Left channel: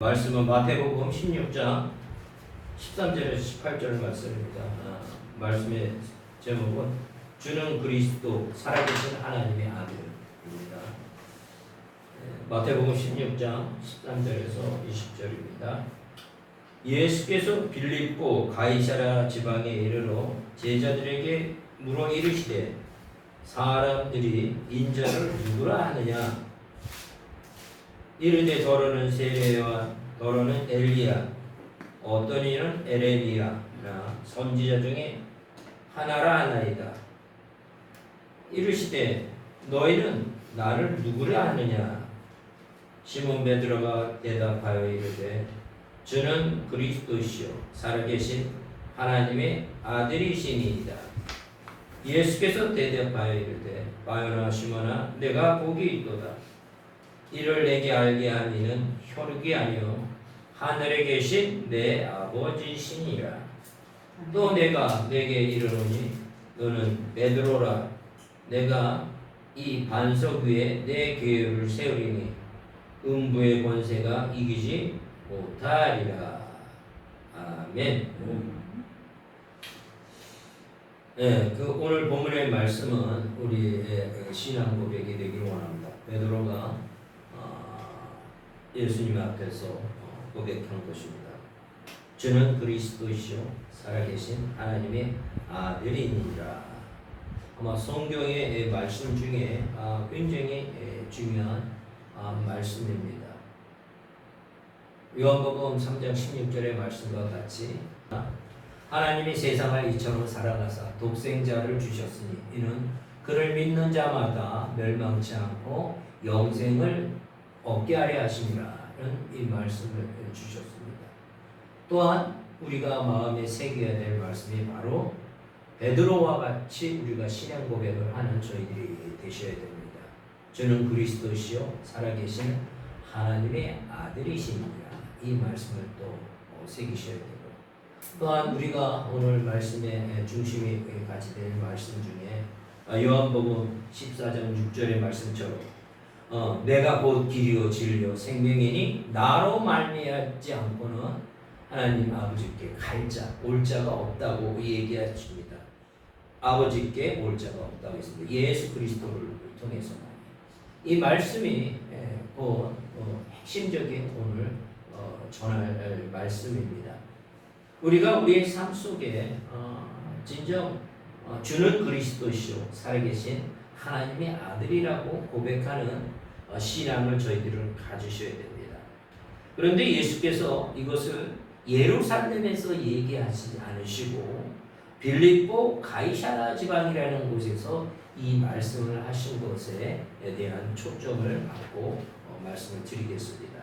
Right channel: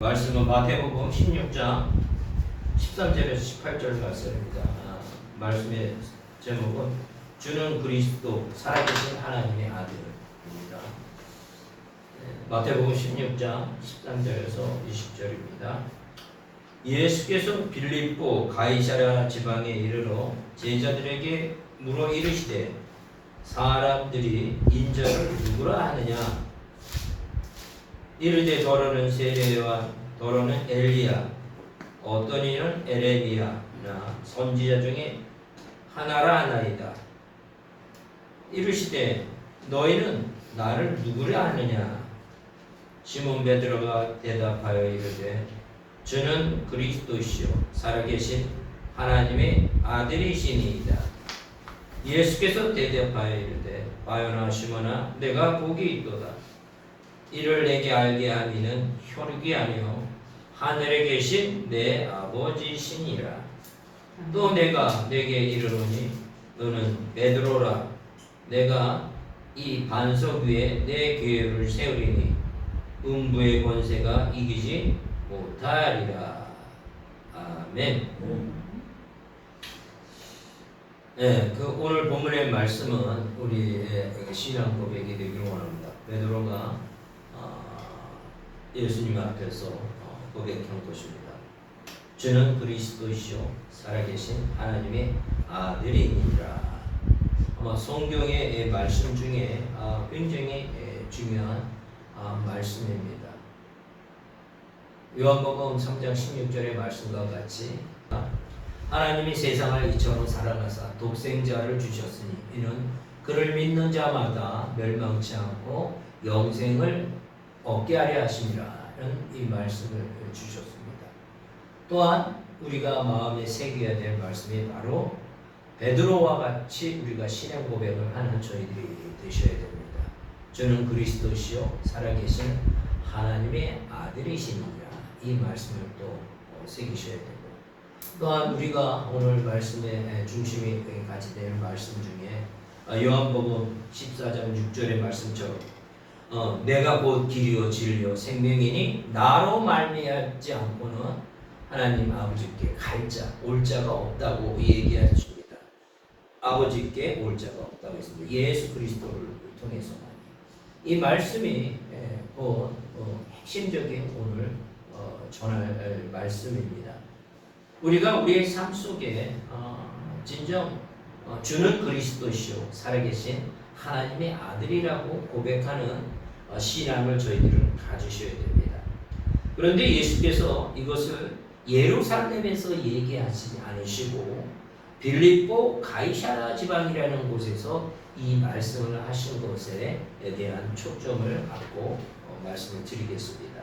말씀은 마태복음 16장 13절에서 18절 말씀입니다. 말씀의 제목은 주는 그리스도 살아계신 하나님의 아들입니다. 마태복음 16장 13절에서 20절입니다. 예수께서 빌립보 가이사랴 지방에 이르러 제자들에게 물어 이르시되 사람들이 인자를 누구라 하느냐? 이르되 더러는 세례와 더러는 엘리야 어떤 이는 에레미야나 선지자 중에 하나라 하나이다. 이르시되 너희는 나를 누구라 하느냐? 시몬 베드로가 대답하여 이르되 저는 그리스도시요 살아계신 하나님의 아들이시니이다. 예수께서 대답하여 이르되 바요나 시몬아 내가 복이 있도다. 이를 내게 알게 한 이는 혈육이 아니요 하늘에 계신 내 아버지시니라. 또 내가 내게 이르노니 너는 베드로라. 내가 이 반석 위에 내 교회를 세우리니 음부의 권세가 이기지 못하리라. 아멘. 네, 오늘 본문의 말씀은 우리의 신앙 고백이 되기를 원합니다. 베드로가 예수님 앞에서 고백한 것입니다. 저는 그리스도시요 살아계신 하나님의 아들이니라. 아마 성경의 말씀 중에 굉장히 중요한 말씀입니다. 요한복음 3장 16절의 말씀과 같이 하나님이 세상을 이처럼 사랑하사 독생자를 주셨으니 이는 그를 믿는 자마다 멸망치 않고 영생을 얻게 하려 하심이라는 이 말씀을 주셨습니다. 또한 우리가 마음에 새겨야 될 말씀이 바로 베드로와 같이 우리가 신앙 고백을 하는 저희들이 되셔야 됩니다. 저는 그리스도시요 살아계신 하나님의 아들이시니라. 이 말씀을 또 새기셔야 되고, 또한 우리가 오늘 말씀의 중심이 같이 될 말씀 중에 요한복음 14장 6절의 말씀처럼 내가 곧 길이요 진리요 생명이니 나로 말미암지 않고는 하나님 아버지께 갈 자, 올 자가 없다고 얘기하십니다. 아버지께 올 자가 없다고 했습니다. 예수 그리스도를 통해서만. 이 말씀이 곧 핵심적인 오늘 전할 말씀입니다. 우리가 우리의 삶 속에 진정 주는 그리스도시요 살아계신 하나님의 아들이라고 고백하는 신앙을 저희들은 가지셔야 됩니다. 그런데 예수께서 이것을 예루살렘에서 얘기하지 않으시고 빌립보 가이사랴 지방이라는 곳에서 이 말씀을 하신 것에 대한 초점을 갖고 말씀을 드리겠습니다.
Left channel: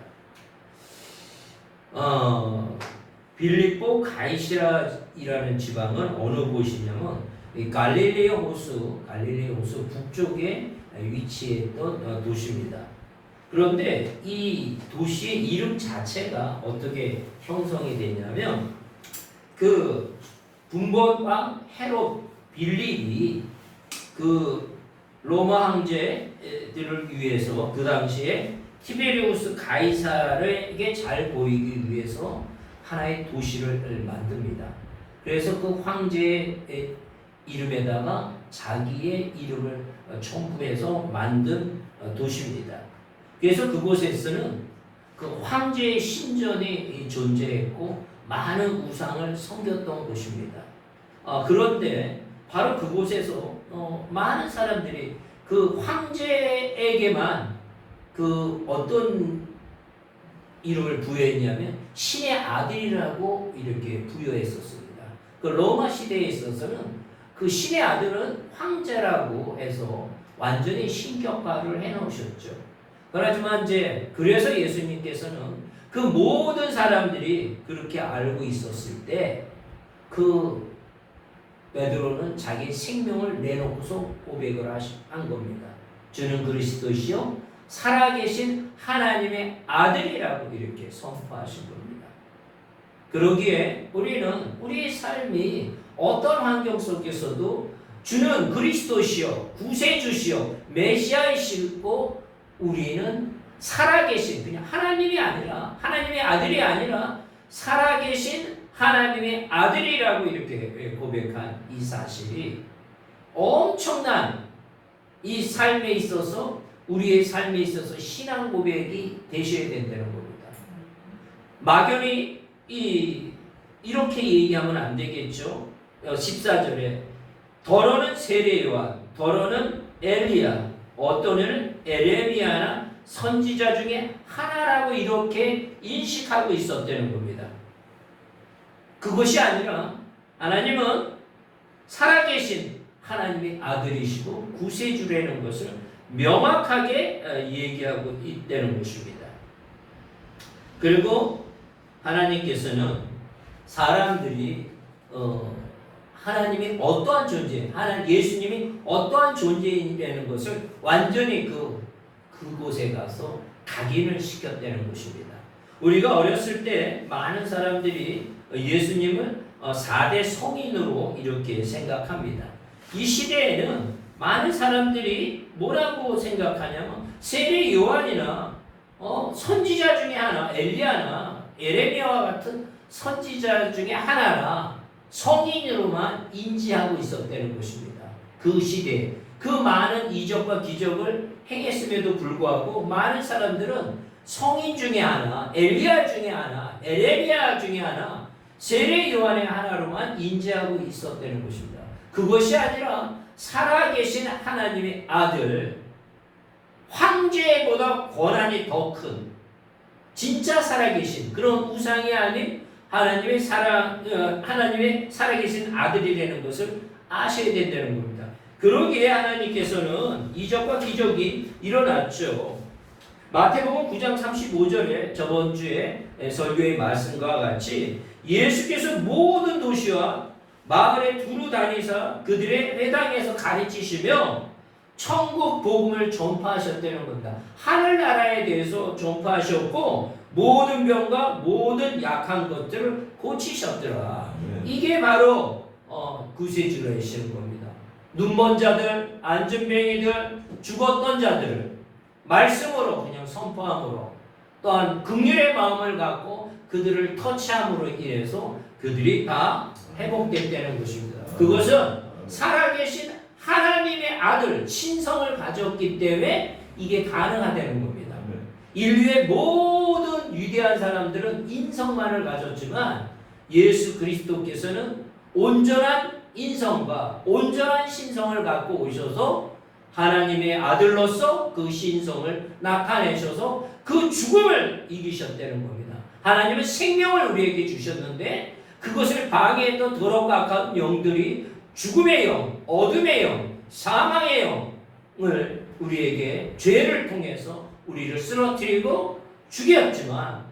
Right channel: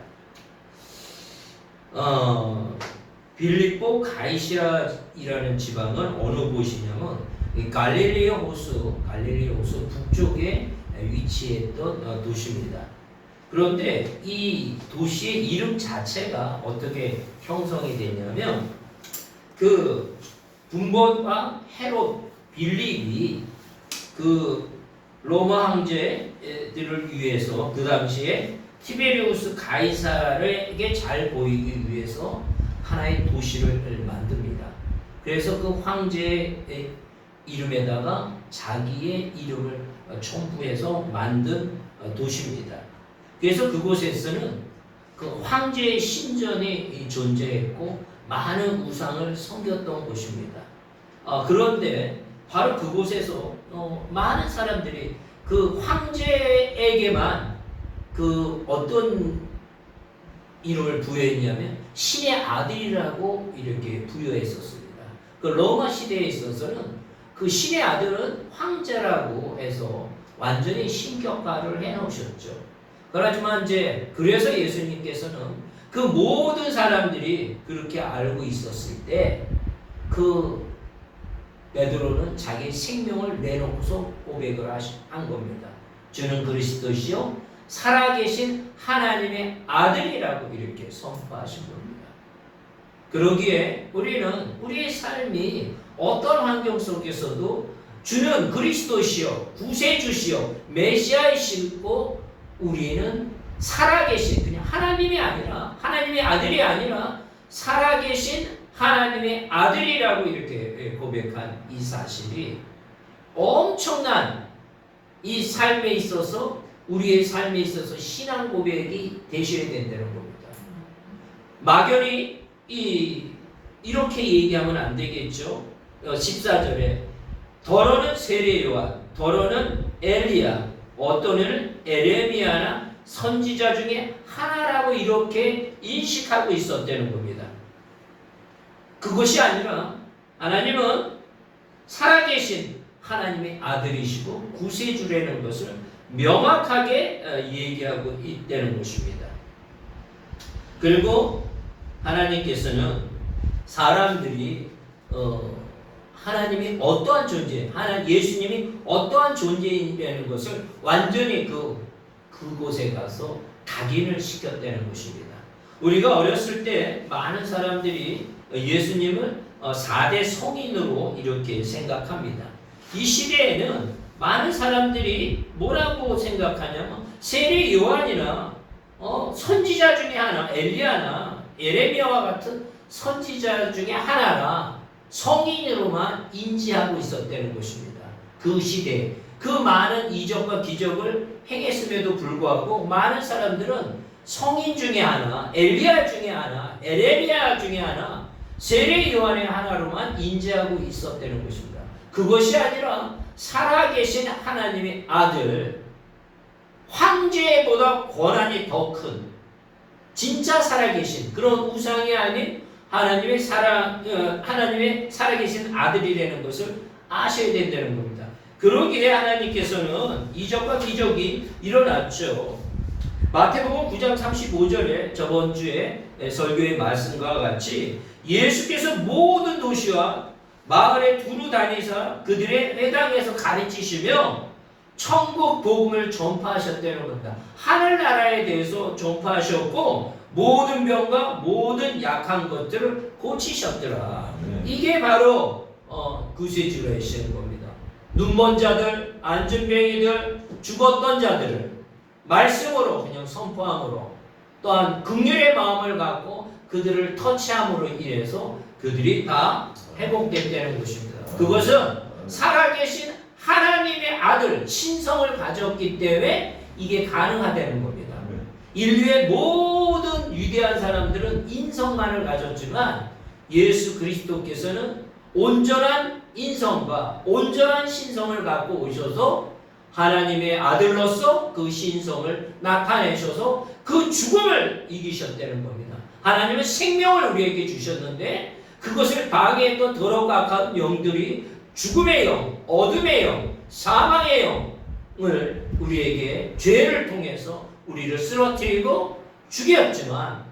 빌립보 가이사랴이라는 지방은 어느 곳이냐면 갈릴리 호수 북쪽에 위치했던 도시입니다. 그런데 이 도시의 이름 자체가 어떻게 형성이 되냐면 그 분본왕 헤롯 빌립이 그 로마 황제들을 위해서 그 당시에 티베리우스 가이사르에게 잘 보이기 위해서 하나의 도시를 만듭니다. 그래서 그 황제의 이름에다가 자기의 이름을 첨부해서 만든 도시입니다. 그래서 그곳에서는 그 황제의 신전이 존재했고 많은 우상을 섬겼던 곳입니다. 그런데 바로 그곳에서 많은 사람들이 그 황제에게만 그 어떤 이름을 부여했냐면 신의 아들이라고 이렇게 부여했었습니다. 그 로마 시대에 있어서는 그 신의 아들은 황제라고 해서 완전히 신격화를 해놓으셨죠. 그렇지만 이제 그래서 예수님께서는 그 모든 사람들이 그렇게 알고 있었을 때 그 베드로는 자기 생명을 내놓고서 고백을 한 겁니다. 주는 그리스도시요 살아계신 하나님의 아들이라고 이렇게 선포하신 겁니다. 그러기에 우리는 우리의 삶이 어떤 환경 속에서도 주는 그리스도시요 구세주시요 메시아이시고 우리는 살아계신, 그냥 하나님이 아니라, 하나님의 아들이 아니라 살아계신 하나님의 아들이라고 이렇게 고백한 이 사실이 엄청난 이 삶에 있어서, 우리의 삶에 있어서 신앙 고백이 되셔야 된다는 겁니다. 막연히 이렇게 얘기하면 안 되겠죠. 14절에 더러는 세례 요한, 더러는 엘리야, 어떤 이는 에레미야나 선지자 중에 하나라고 이렇게 인식하고 있었다는 겁니다. 그것이 아니라 하나님은 살아계신 하나님의 아들이시고 구세주라는 것을 명확하게 얘기하고 있다는 것입니다. 그리고 하나님께서는 사람들이 하나님이 어떠한 존재, 예수님이 어떠한 존재이라는 것을 완전히 그곳에 가서 각인을 시켰다는 것입니다. 우리가 어렸을 때 많은 사람들이 예수님을 4대 성인으로 이렇게 생각합니다. 이 시대에는 많은 사람들이 뭐라고 생각하냐면 세례 요한이나 선지자 중에 하나, 엘리야나 에레미야와 같은 선지자 중에 하나라 성인으로만 인지하고 있었다는 것입니다. 그 시대에 그 많은 이적과 기적을 행했음에도 불구하고 많은 사람들은 성인 중에 하나, 엘리야 중에 하나, 에레미야 중에 하나, 세례 요한의 하나로만 인지하고 있었다는 것입니다. 그것이 아니라 살아계신 하나님의 아들, 황제보다 권한이 더 큰 진짜 살아계신 그런 우상이 아닌 하나님의 살아계신 아들이라는 것을 아셔야 된다는 겁니다. 그러기에 하나님께서는 이적과 기적이 일어났죠. 마태복음 9장 35절에 저번 주에 설교의 말씀과 같이 예수께서 모든 도시와 마을에 두루 다니사 그들의 회당에서 가르치시며 천국 복음을 전파하셨다는 겁니다. 하늘나라에 대해서 전파하셨고 모든 병과 모든 약한 것들을 고치셨더라. 이게 바로 구세주라시는 겁니다. 눈먼 자들, 안전병이들, 죽었던 자들을 말씀으로 그냥 선포함으로 또한 긍휼의 마음을 갖고 그들을 터치함으로 인해서 그들이 다 회복됐다는 것입니다. 그것은 살아계신 하나님의 아들 신성을 가졌기 때문에 이게 가능하다는 겁니다. 인류의 모든 위대한 사람들은 인성만을 가졌지만 예수 그리스도께서는 온전한 인성과 온전한 신성을 갖고 오셔서 하나님의 아들로서 그 신성을 나타내셔서 그 죽음을 이기셨다는 겁니다. 하나님은 생명을 우리에게 주셨는데 그것을 방해했던 더럽고 악한 영들이 죽음의 영, 어둠의 영, 사망의 영을 우리에게 죄를 통해서 우리를 쓰러뜨리고 죽였지만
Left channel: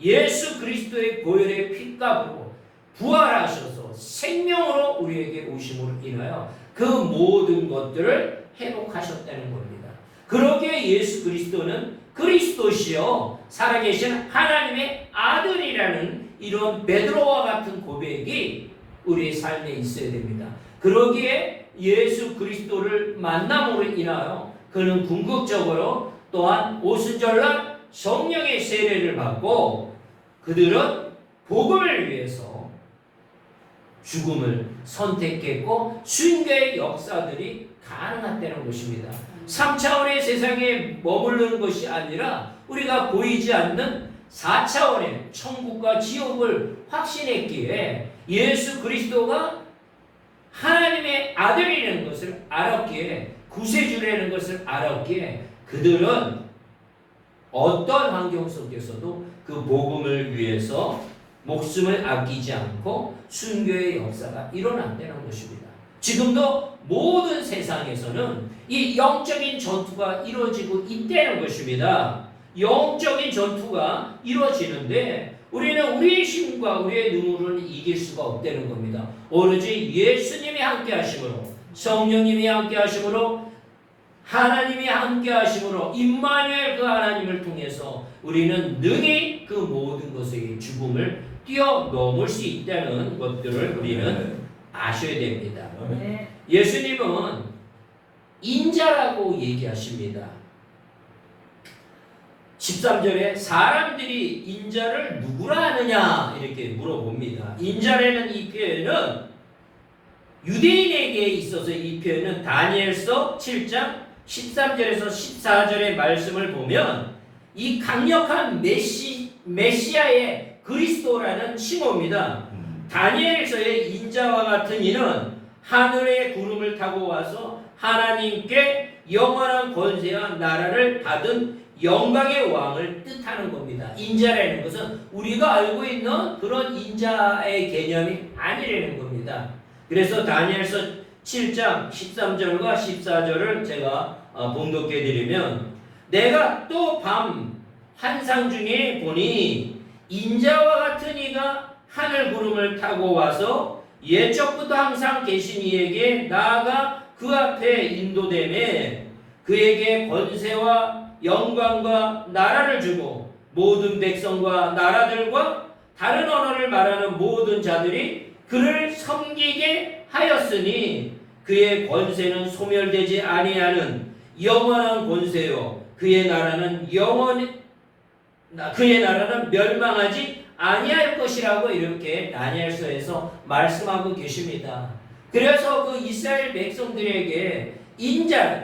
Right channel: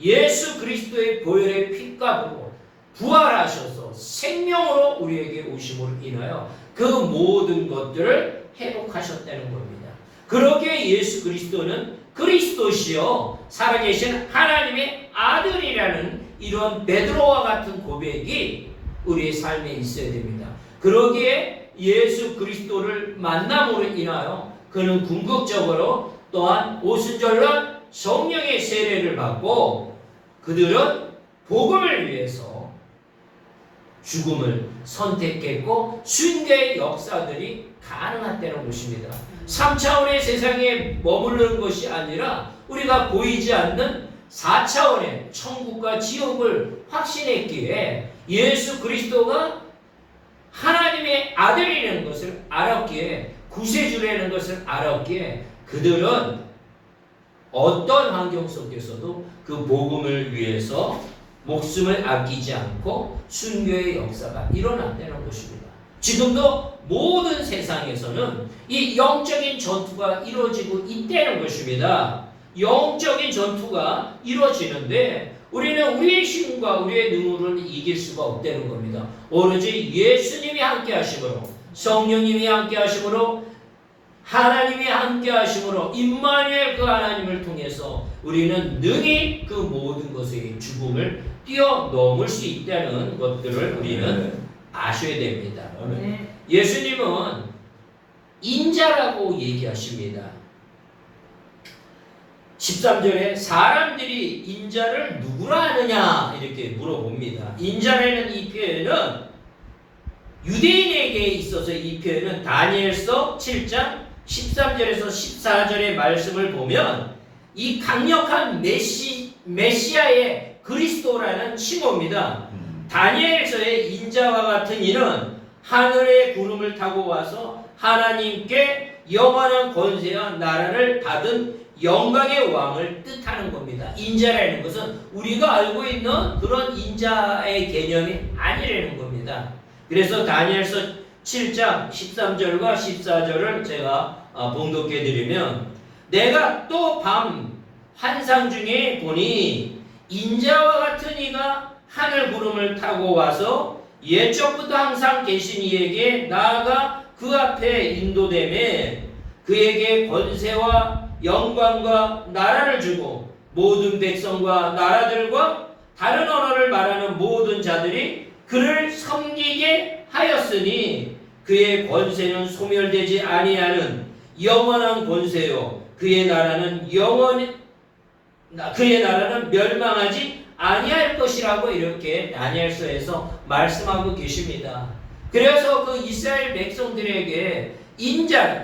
예수 그리스도의 보혈의 피값으로 부활하셔서 생명으로 우리에게 오심으로 인하여 그 모든 것들을 회복하셨다는 겁니다. 그러기에 예수 그리스도는 그리스도시요 살아계신 하나님의 아들이라는 이런 베드로와 같은 고백이 우리의 삶에 있어야 됩니다. 그러기에 예수 그리스도를 만남으로 인하여 그는 궁극적으로 또한 오순절날 성령의 세례를 받고 그들은 복음을 위해서 죽음을 선택했고 순교의 역사들이 가능했다는 것입니다. 3차원의 세상에 머무르는 것이 아니라 우리가 보이지 않는 4차원의 천국과 지옥을 확신했기에 예수 그리스도가 하나님의 아들이라는 것을 알았기에 구세주라는 것을 알았기에 그들은 어떤 환경 속에서도 그 복음을 위해서 목숨을 아끼지 않고 순교의 역사가 일어난다는 것입니다. 지금도 모든 세상에서는 이 영적인 전투가 이루어지고 있다는 것입니다. 영적인 전투가 이루어지는데 우리는 우리의 힘과 우리의 능으로는 이길 수가 없다는 겁니다. 오로지 예수님이 함께 하심으로 성령님이 함께 하심으로 하나님이 함께 하심으로 임마누엘 그 하나님을 통해서 우리는 능히 그 모든 것의 죽음을 뛰어넘을 수 있다는 것들을 우리는 아셔야 됩니다. 예수님은 인자라고 얘기하십니다. 13절에 사람들이 인자를 누구라 하느냐 이렇게 물어봅니다. 인자라는 이 표현은 유대인에게 있어서 이 표현은 다니엘서 7장 13절에서 14절의 말씀을 보면 이 강력한 메시아의 그리스도라는 칭호입니다. 다니엘서의 인자와 같은 이는 하늘의 구름을 타고 와서 하나님께 영원한 권세와 나라를 받은 영광의 왕을 뜻하는 겁니다. 인자라는 것은 우리가 알고 있는 그런 인자의 개념이 아니라는 겁니다. 그래서 다니엘서 7장 13절과 14절을 제가 봉독해 드리면 내가 또 밤 환상 중에 보니 인자와 같은 이가 하늘 구름을 타고 와서 옛적부터 항상 계신 이에게 나아가 그 앞에 인도되매 그에게 권세와 영광과 나라를 주고 모든 백성과 나라들과 다른 언어를 말하는 모든 자들이 그를 섬기게 하였으니 그의 권세는 소멸되지 아니하는 영원한 권세요 그의 나라는 멸망하지 아니할 것이라고 이렇게 다니엘서에서 말씀하고 계십니다. 그래서 그 이스라엘 백성들에게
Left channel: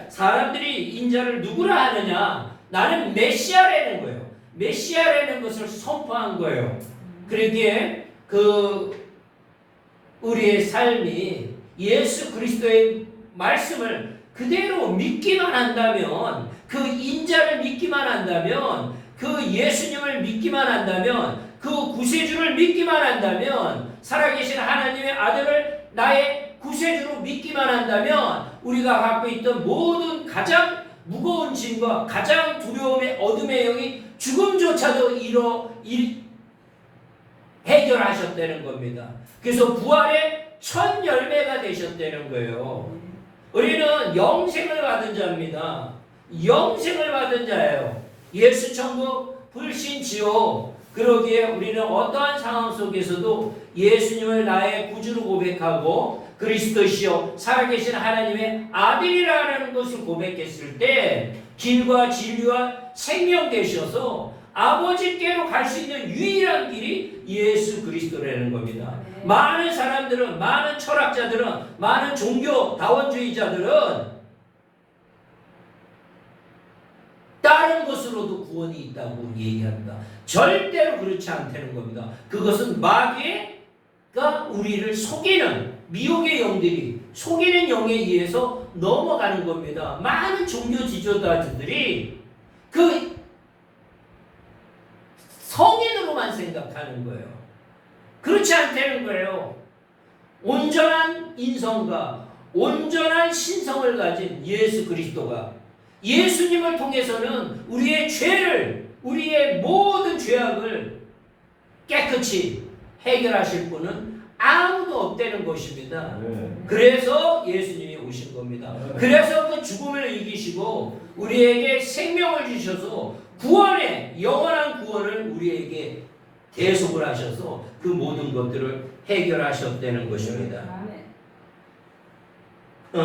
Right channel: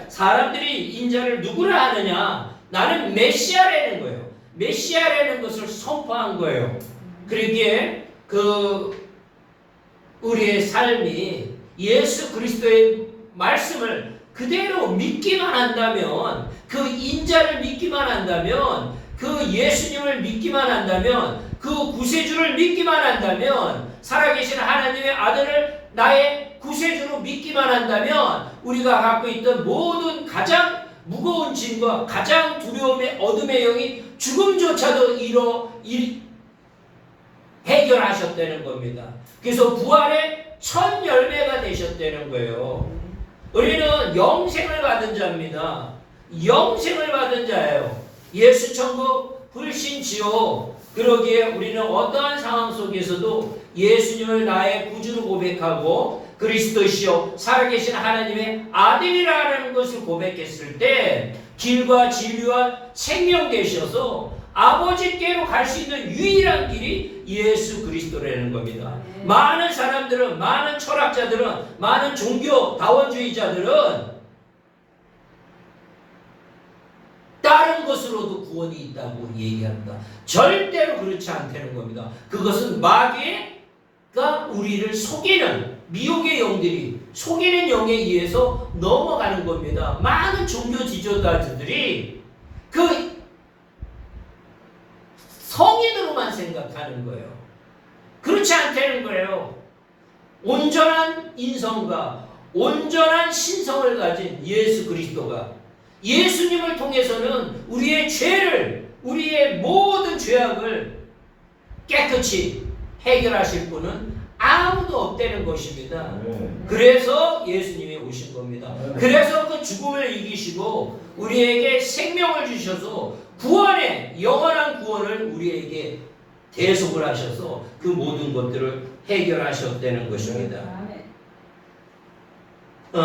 사람들이 인자를 누구라 하느냐? 나는 메시아라는 거예요. 메시아라는 것을 선포한 거예요. 그러기에 우리의 삶이 예수 그리스도의 말씀을 그대로 믿기만 한다면, 그 인자를 믿기만 한다면, 그 예수님을 믿기만 한다면, 그 구세주를 믿기만 한다면, 살아계신 하나님의 아들을 나의 구세주로 믿기만 한다면 우리가 갖고 있던 모든 가장 무거운 짐과 가장 두려움의 어둠의 영이 죽음조차도 해결하셨다는 겁니다. 그래서 부활의 첫 열매가 되셨다는 거예요. 우리는 영생을 받은 자입니다. 영생을 받은 자예요. 예수 천국 불신지요. 그러기에 우리는 어떠한 상황 속에서도 예수님을 나의 구주로 고백하고 그리스도시요 살아계신 하나님의 아들이라는 것을 고백했을 때 길과 진리와 생명 되셔서 아버지께로 갈 수 있는 유일한 길이 예수 그리스도라는 겁니다. 많은 사람들은, 많은 철학자들은, 많은 종교 다원주의자들은 다른 것으로도 구원이 있다고 얘기합니다. 절대로 그렇지 않다는 겁니다. 그것은 마귀가 우리를 속이는, 미혹의 영들이 속이는 영에 의해서 넘어가는 겁니다. 많은 종교 지도자들이 그 성인으로만 생각하는 거예요. 그렇지 않다는 거예요. 온전한 인성과 온전한 신성을 가진 예수 그리스도가, 예수님을 통해서는 우리의 죄를, 우리의 모든 죄악을 깨끗이 해결하실 분은 아무도 없다는 것입니다. 그래서 예수님이 오신 겁니다. 그래서 그 죽음을 이기시고 우리에게 생명을 주셔서 구원의 영원한 구원을 우리에게 대속을 하셔서 그 모든 것들을 해결하셨다는 것입니다.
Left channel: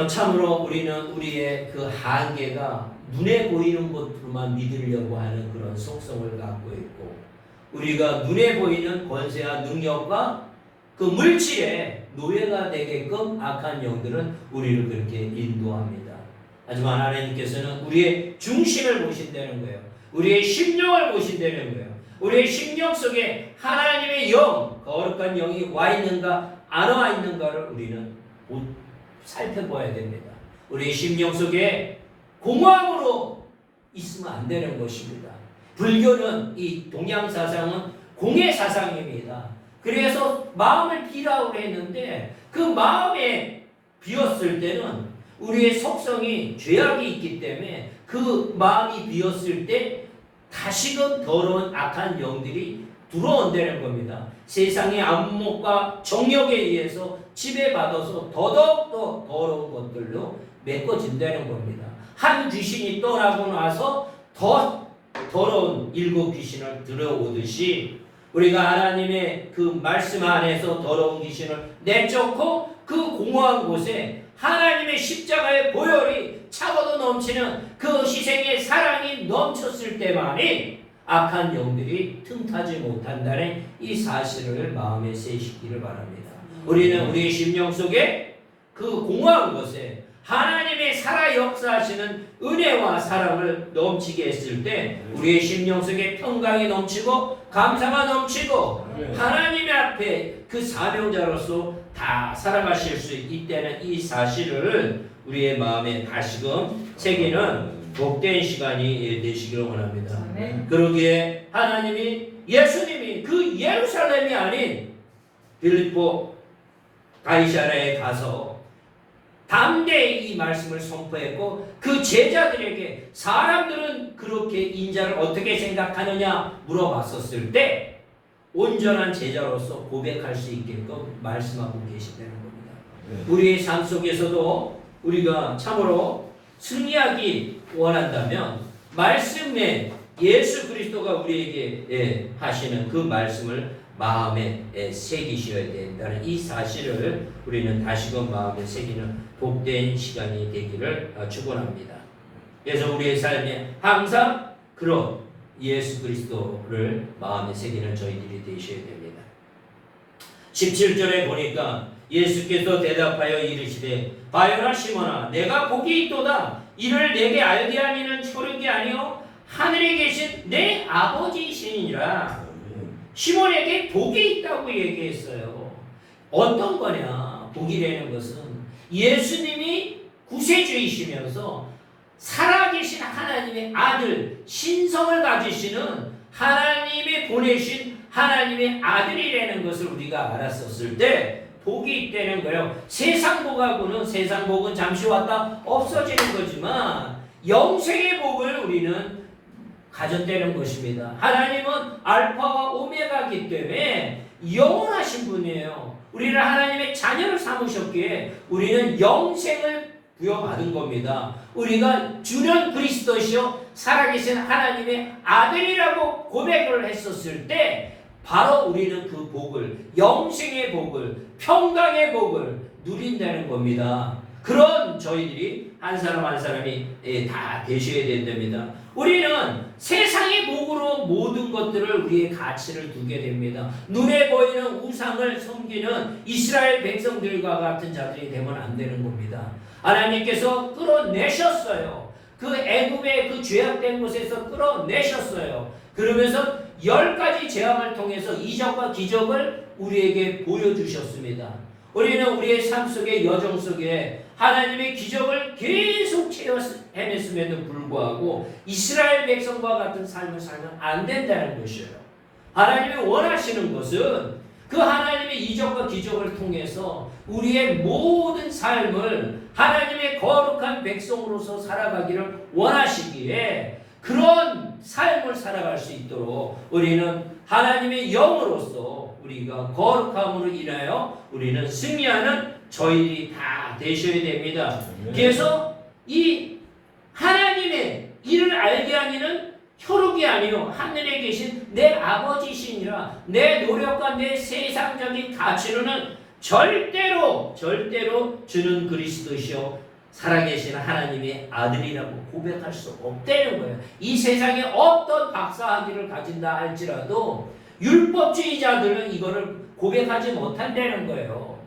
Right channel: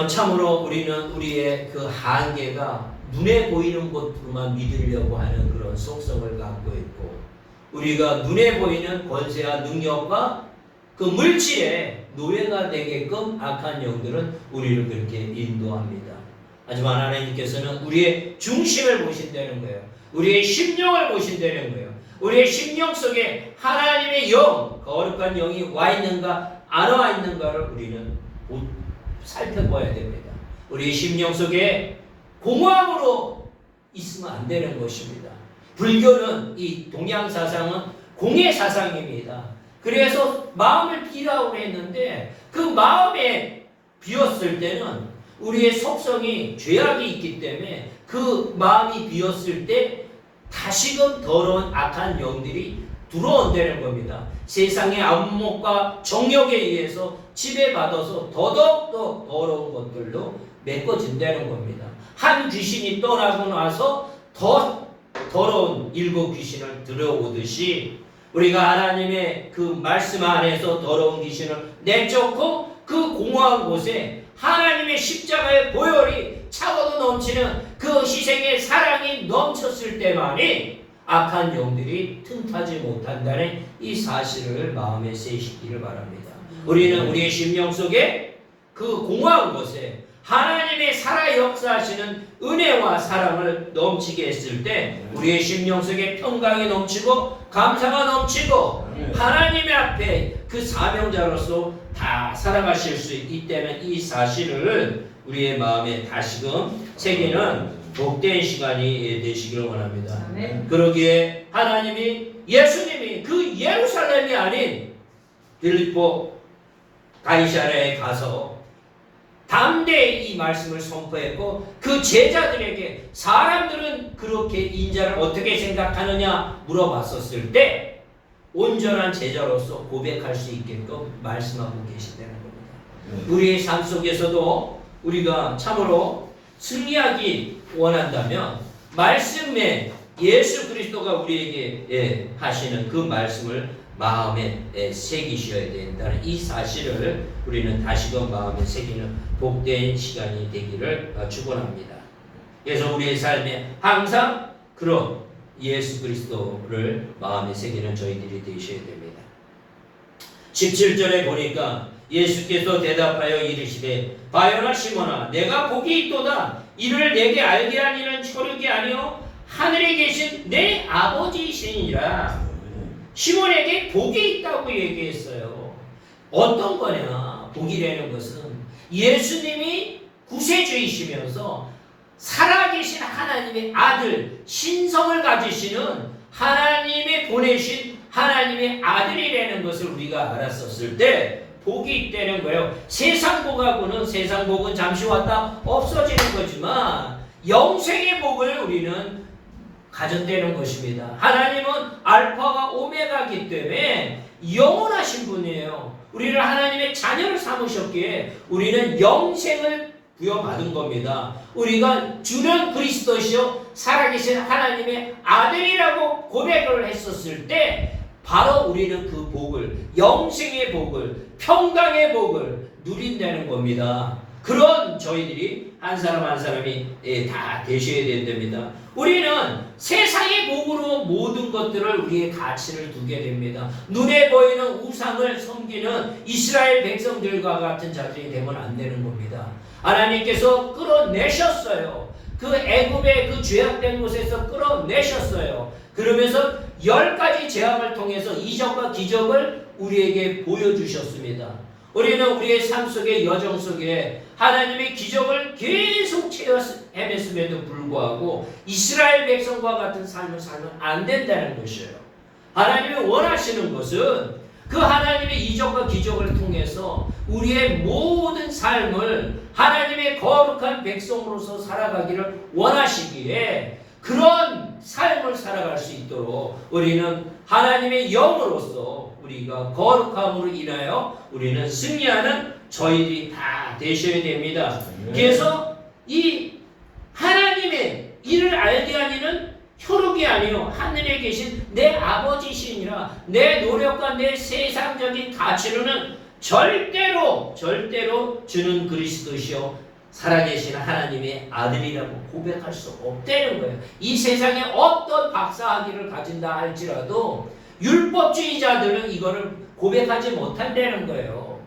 참으로 우리는 우리의 그 한계가 눈에 보이는 것으로만 믿으려고 하는 그런 속성을 갖고 있고, 우리가 눈에 보이는 권세와 능력과 그 물질의 노예가 되게끔 악한 영들은 우리를 그렇게 인도합니다. 하지만 하나님께서는 우리의 중심을 보신다는 거예요. 우리의 심령을 보신다는 거예요. 우리의 심령 속에 하나님의 영, 거룩한 영이 와 있는가 안 와 있는가를 우리는 살펴봐야 됩니다. 우리 심령 속에 공허함으로 있으면 안 되는 것입니다. 불교는, 이 동양 사상은 공의 사상입니다. 그래서 마음을 비라고 했는데 그 마음에 비었을 때는 우리의 속성이 죄악이 있기 때문에 그 마음이 비었을 때 다시금 더러운 악한 영들이 들어온다는 겁니다. 세상의 안목과 정욕에 의해서 지배받아서 더더욱 더러운 것들로 메꿔진다는 겁니다. 한 귀신이 떠나고 나서 더 더러운 일곱 귀신을 들어오듯이 우리가 하나님의 그 말씀 안에서 더러운 귀신을 내쫓고 그 공허한 곳에 하나님의 십자가의 보혈이 차고도 넘치는 그 희생의 사랑이 넘쳤을 때만이 악한 영들이 틈타지 못한다는 이 사실을 마음에 새시기를 바랍니다. 우리는 우리의 심령 속에 그 공허한 곳에 하나님의 살아 역사하시는 은혜와 사랑을 넘치게 했을 때 우리의 심령 속에 평강이 넘치고 감사가 넘치고 하나님의 앞에 그 사명자로서 다 살아가실 수 있다는 이 사실을 우리의 마음에 다시금 새기는 복된 시간이 되시기를 원합니다. 그러기에 하나님이 예수님이 그 예루살렘이 아닌 빌립보 가이사랴에 가서 담대히 이 말씀을 선포했고 그 제자들에게 사람들은 그렇게 인자를 어떻게 생각하느냐 물어봤었을 때 온전한 제자로서 고백할 수 있게끔 말씀하고 계신다는 겁니다. 우리의 삶 속에서도 우리가 참으로 승리하기 원한다면 말씀에 예수 그리스도가 우리에게 하시는 그 말씀을 마음에 새기셔야 된다는 이 사실을 우리는 다시금 마음에 새기는 복된 시간이 되기를 축원합니다. 그래서 우리의 삶에 항상 그런 예수 그리스도를 마음에 새기는 저희들이 되셔야 됩니다. 17절에 보니까 예수께서 대답하여 이르시되 바요나 시몬아 내가 복이 있도다. 이를 내게 알게 하는 이는 혈육이 아니요 하늘에 계신 내 아버지이시니라. 시몬에게 복이 있다고 얘기했어요. 어떤 거냐? 복이라는 것은 예수님이 구세주이시면서 살아계신 하나님의 아들 신성을 가지시는 하나님이 보내신 하나님의 아들이라는 것을 우리가 알았었을 때 복이 있다는 거예요. 세상 복하고는 세상 복은 잠시 왔다 없어지는 거지만 영생의 복을 우리는 가졌다는 것입니다. 하나님은 알파와 오메가이기 때문에 영원하신 분이에요. 우리를 하나님의 자녀를 삼으셨기에 우리는 영생을 부여받은 겁니다. 우리가 주는 그리스도시요 살아계신 하나님의 아들이라고 고백을 했었을 때 바로 우리는 그 복을 영생의 복을 평강의 복을 누린다는 겁니다. 그런 저희들이 한 사람 한 사람이 다 되셔야 된답니다. 우리는 세상의 복으로 모든 것들을 우리의 가치를 두게 됩니다. 눈에 보이는 우상을 섬기는 이스라엘 백성들과 같은 자들이 되면 안 되는 겁니다. 하나님께서 끌어내셨어요. 그 애굽의 그 죄악된 곳에서 끌어내셨어요. 그러면서 10가지 재앙을 통해서 이적과 기적을 우리에게 보여주셨습니다. 우리는 우리의 삶 속의 여정 속에 하나님의 기적을 계속 헤맸음에도 불구하고 이스라엘 백성과 같은 삶을 살면 안 된다는 것이에요. 하나님이 원하시는 것은 그 하나님의 이적과 기적을 통해서 우리의 모든 삶을 하나님의 거룩한 백성으로서 살아가기를 원하시기에 그런 삶을 살아갈 수 있도록 우리는 하나님의 영으로서 우리가 거룩함으로 인하여 우리는 승리하는 저희들이 다 되셔야 됩니다. 그래서 이 하나님의 이를 알게 하니는 혈육이 아니요 하늘에 계신 내 아버지시니라. 내 노력과 내 세상적인 가치로는 절대로 주는 그리스도시요 살아계신 하나님의 아들이라고 고백할 수 없다는 거예요. 이 세상에 어떤 박사학위를 가진다 할지라도 율법주의자들은 이거를 고백하지 못한다는 거예요.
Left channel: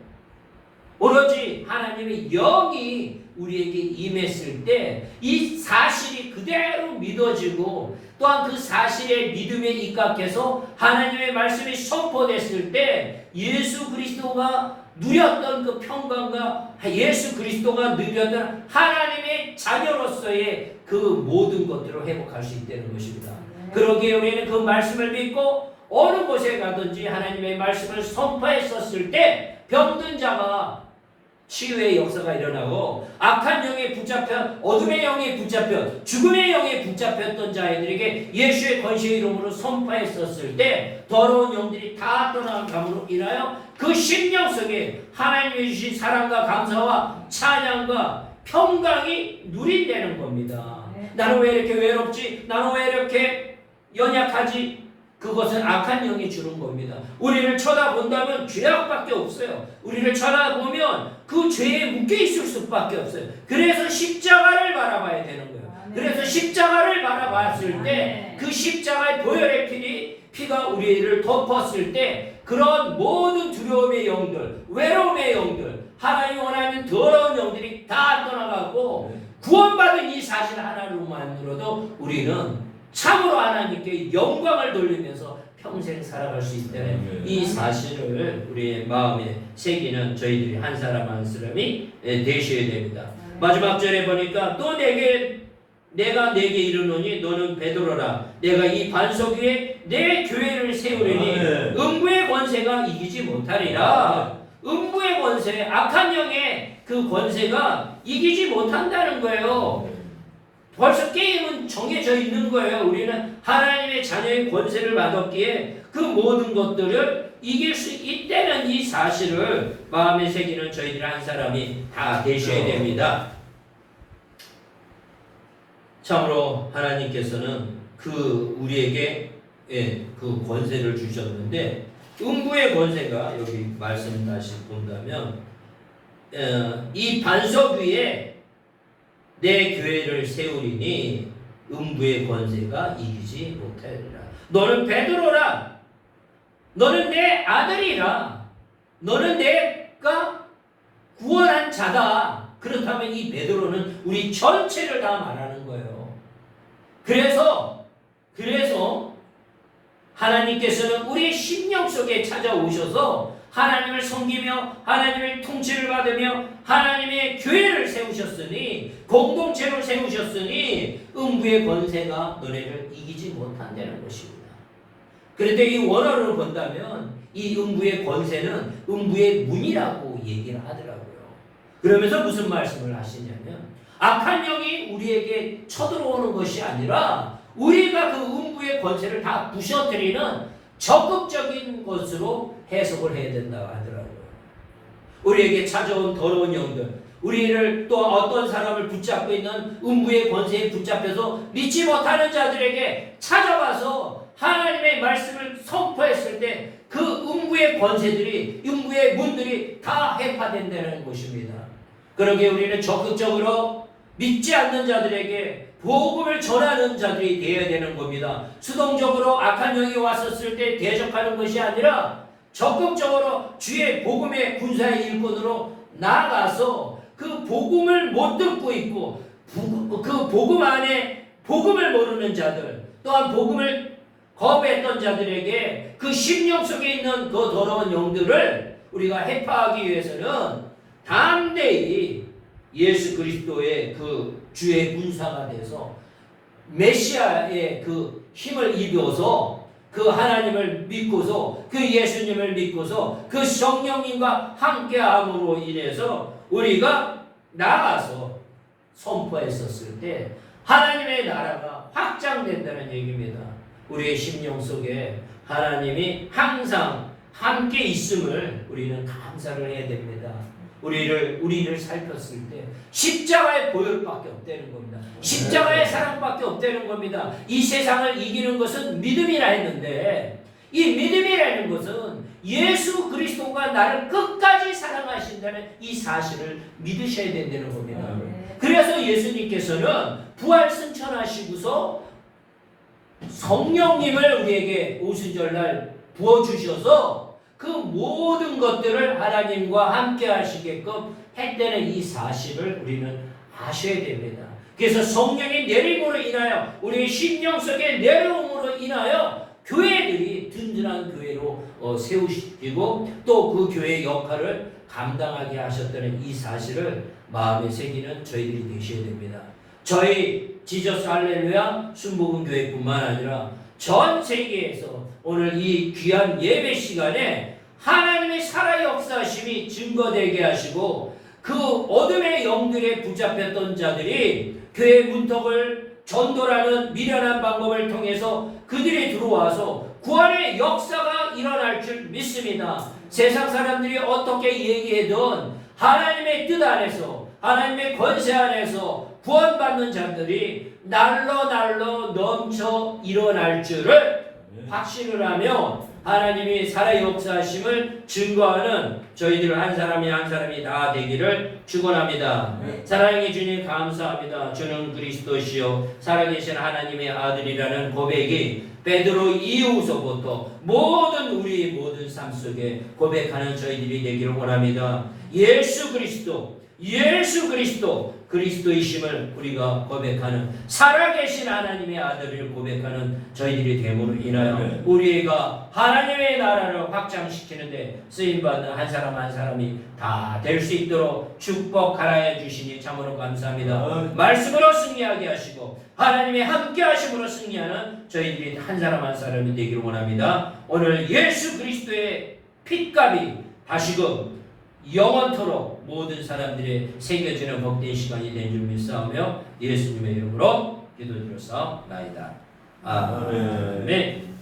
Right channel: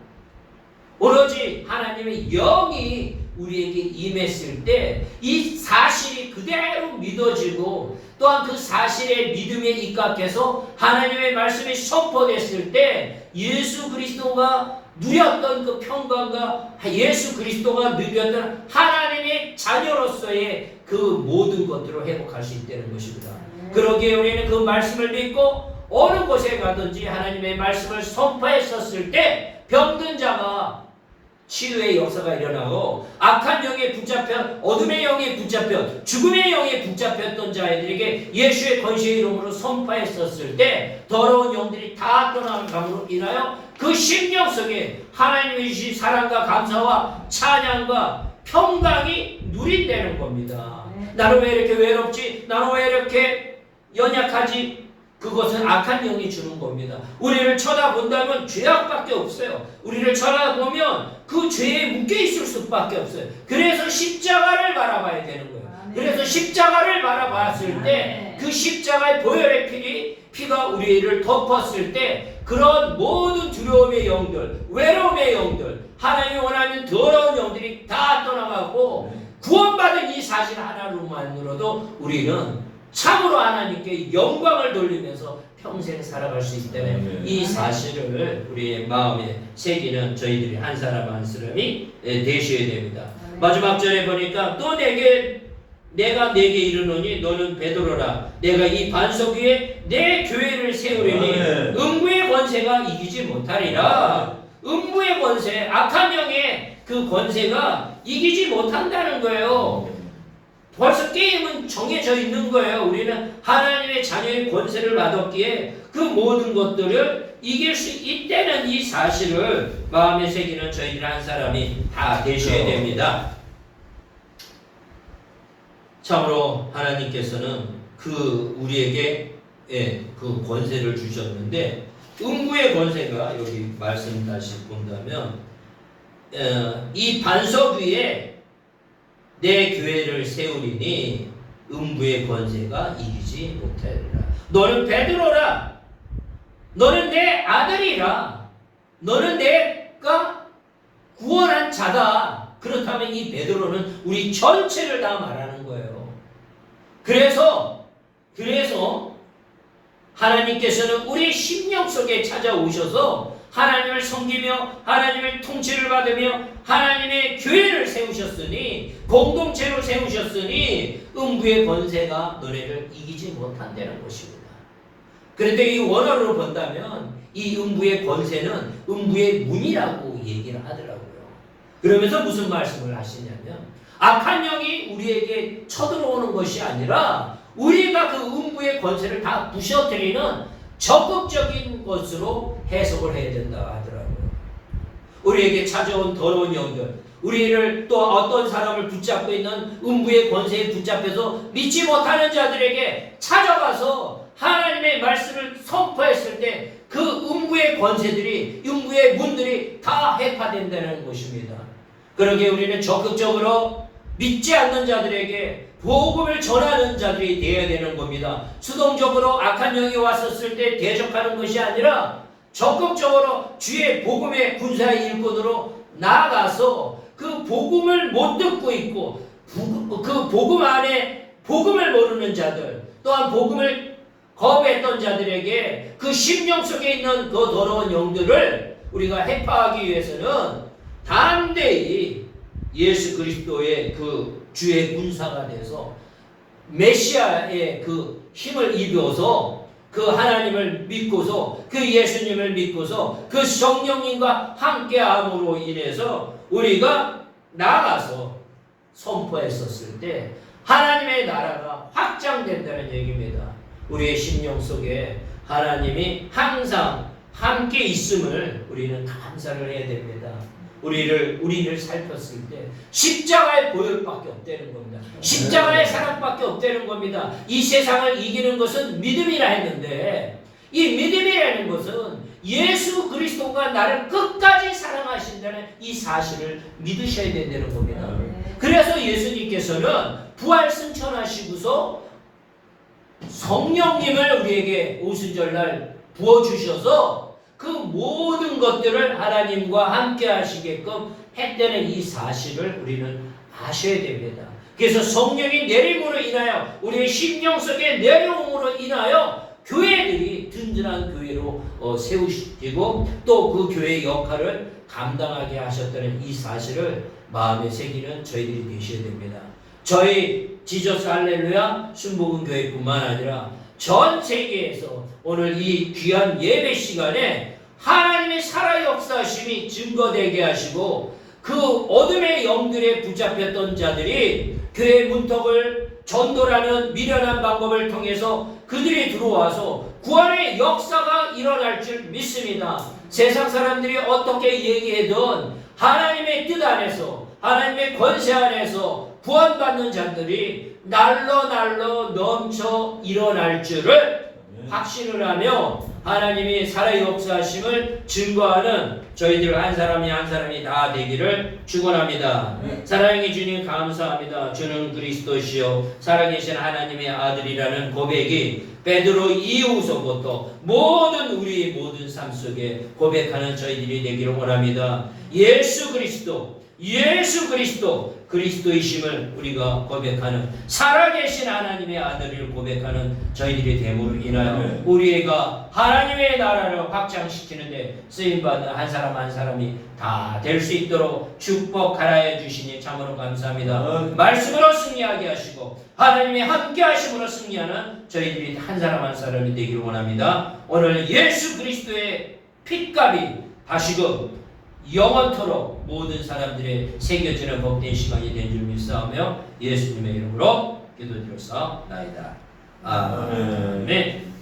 오로지 하나님의 영이 우리에게 임했을 때 이 사실이 그대로 믿어지고 또한 그 사실의 믿음에 입각해서 하나님의 말씀이 선포됐을 때 예수 그리스도가 누렸던 그 평강과 예수 그리스도가 누렸던 하나님의 자녀로서의 그 모든 것들을 회복할 수 있다는 것입니다. 그러기에 우리는 그 말씀을 믿고 어느 곳에 가든지 하나님의 말씀을 선포했었을 때 병든 자가 치유의 역사가 일어나고 악한 영에 붙잡혀 어둠의 영에 붙잡혀 죽음의 영에 붙잡혔던 자들에게 예수의 권세의 이름으로 선포했었을 때 더러운 영들이 다 떠나감으로 인하여 그 심령 속에 하나님의 주신 사랑과 감사와 찬양과 평강이 누린다는 겁니다. 나는 왜 이렇게 외롭지? 나는 왜 이렇게 연약하지? 그것은 악한 영이 주는 겁니다. 우리를 쳐다본다면 죄악밖에 없어요. 우리를 쳐다보면 그 죄에 묶여있을 수밖에 없어요. 그래서 십자가를 바라봐야 되는 거예요. 그래서 십자가를 바라봤을 때 그 십자가의 보혈의 피가 우리를 덮었을 때 그런 모든 두려움의 영들, 외로움의 영들, 하나님이 원하는 더러운 영들이 다 떠나가고 구원받은 이 사실 하나로만으로도 우리는 참으로 하나님께 영광을 돌리면서 평생 살아갈 수 있다는 이 사실을 우리의 마음에 새기는 저희들이 한 사람 한 사람이 되셔야 됩니다. 마지막 절에 보니까 또 내가 내게 이르노니 너는 베드로라. 내가 이 반석 위에 내 교회를 세우리니 음부의 권세가 이기지 못하리라. 음부의 권세, 악한 영의 그 권세가 이기지 못한다는 거예요. 벌써 게임은 정해져 있는 거예요. 우리는 하나님의 자녀의 권세를 받았기에 그 모든 것들을 이길 수 있다는 이 사실을 마음에 새기는 저희들 한 사람이 다 되셔야 됩니다. 참으로 하나님께서는 우리에게 그 권세를 주셨는데 음부의 권세가 여기 말씀 다시 본다면 이 반석 위에 내 교회를 세우리니 음부의 권세가 이기지 못하리라. 너는 베드로라. 너는 내 아들이라. 너는 내가 구원한 자다. 그렇다면 이 베드로는 우리 전체를 다 말하는 거예요. 그래서 하나님께서는 우리 심령 속에 찾아오셔서 하나님을 섬기며 하나님의 통치를 받으며 하나님의 교회를 세우셨으니 공동체로 세우셨으니 음부의 권세가 너네를 이기지 못한다는 것입니다. 그런데 이 원어로 본다면 이 음부의 권세는 음부의 문이라고 얘기를 하더라고요. 그러면서 무슨 말씀을 하시냐면 악한 영이 우리에게 쳐들어오는 것이 아니라 우리가 그 음부의 권세를 다 부셔뜨리는 적극적인 것으로 해석을 해야 된다 하더라고요. 우리에게 찾아온 더러운 영들, 우리를 또 어떤 사람을 붙잡고 있는 음부의 권세에 붙잡혀서 믿지 못하는 자들에게 찾아가서 하나님의 말씀을 선포했을 때 그 음부의 권세들이, 음부의 문들이 다 해파된다는 것입니다. 그러기에 우리는 적극적으로 믿지 않는 자들에게 복음을 전하는 자들이 되어야 되는 겁니다. 수동적으로 악한 영이 왔었을 때 대적하는 것이 아니라 적극적으로 주의 복음의 군사의 일꾼으로 나아가서 그 복음을 못 듣고 있고 그 복음 안에 복음을 모르는 자들, 또한 복음을 거부했던 자들에게 그 심령 속에 있는 그 더러운 영들을 우리가 해파하기 위해서는 담대히 예수 그리스도의 그 주의 군사가 돼서 메시아의 그 힘을 입어서 그 하나님을 믿고서 그 예수님을 믿고서 그 성령님과 함께함으로 인해서 우리가 나가서 선포했었을 때 하나님의 나라가 확장된다는 얘기입니다. 우리의 심령 속에 하나님이 항상 함께 있음을 우리는 감사를 해야 됩니다. 우리를 살폈을 때 십자가의 보혈밖에 없다는 겁니다. 십자가의 사랑밖에 없다는 겁니다. 이 세상을 이기는 것은 믿음이라 했는데 이 믿음이라는 것은 예수 그리스도가 나를 끝까지 사랑하신다는 이 사실을 믿으셔야 된다는 겁니다. 그래서 예수님께서는 부활 승천하시고서 성령님을 우리에게 오순절날 부어주셔서 그 모든 것들을 하나님과 함께 하시게끔 했다는 이 사실을 우리는 아셔야 됩니다. 그래서 성령이 내림으로 인하여 우리의 심령 속에 내려옴으로 인하여 교회들이 든든한 교회로 세우시고 또 그 교회의 역할을 감당하게 하셨다는 이 사실을 마음에 새기는 저희들이 되셔야 됩니다. 저희 지저스 할렐루야 순복음교회뿐만 아니라 전 세계에서 오늘 이 귀한 예배 시간에 하나님의 살아 역사심이 증거되게 하시고 그 어둠의 영들에 붙잡혔던 자들이 교회 문턱을 전도라는 미련한 방법을 통해서 그들이 들어와서 구원의 역사가 일어날 줄 믿습니다. 세상 사람들이 어떻게 얘기해도 하나님의 뜻 안에서 하나님의 권세 안에서 구원받는 자들이 날로 넘쳐 일어날 줄을 확신을 하며 하나님이 살아 역사하심을 증거하는 저희들 한 사람이 한 사람이 다 되기를 축원합니다. 사랑의 주님 감사합니다. 주는 그리스도시요 살아계신 하나님의 아들이라는 고백이 베드로 이후서부터 우리 모든 삶 속에 고백하는 저희들이 되기를 원합니다. 예수 그리스도 그리스도이심을 우리가 고백하는 살아계신 하나님의 아들을 고백하는 저희들이 됨으로 인하여 우리가 하나님의 나라를 확장시키는데 쓰임받는 한 사람 한 사람이 다 될 수 있도록 축복하여 주시니 참으로 감사합니다. 말씀으로 승리하게 하시고 하나님의 함께 하심으로 승리하는 저희들이 한 사람 한 사람이 되기를 원합니다. 오늘 예수 그리스도의 핏값이 다시금 영원토록 모든 사람들의 새겨지는 복된 시간이 된 줄 믿사오며 예수님의 이름으로 기도드렸사옵나이다. 아멘.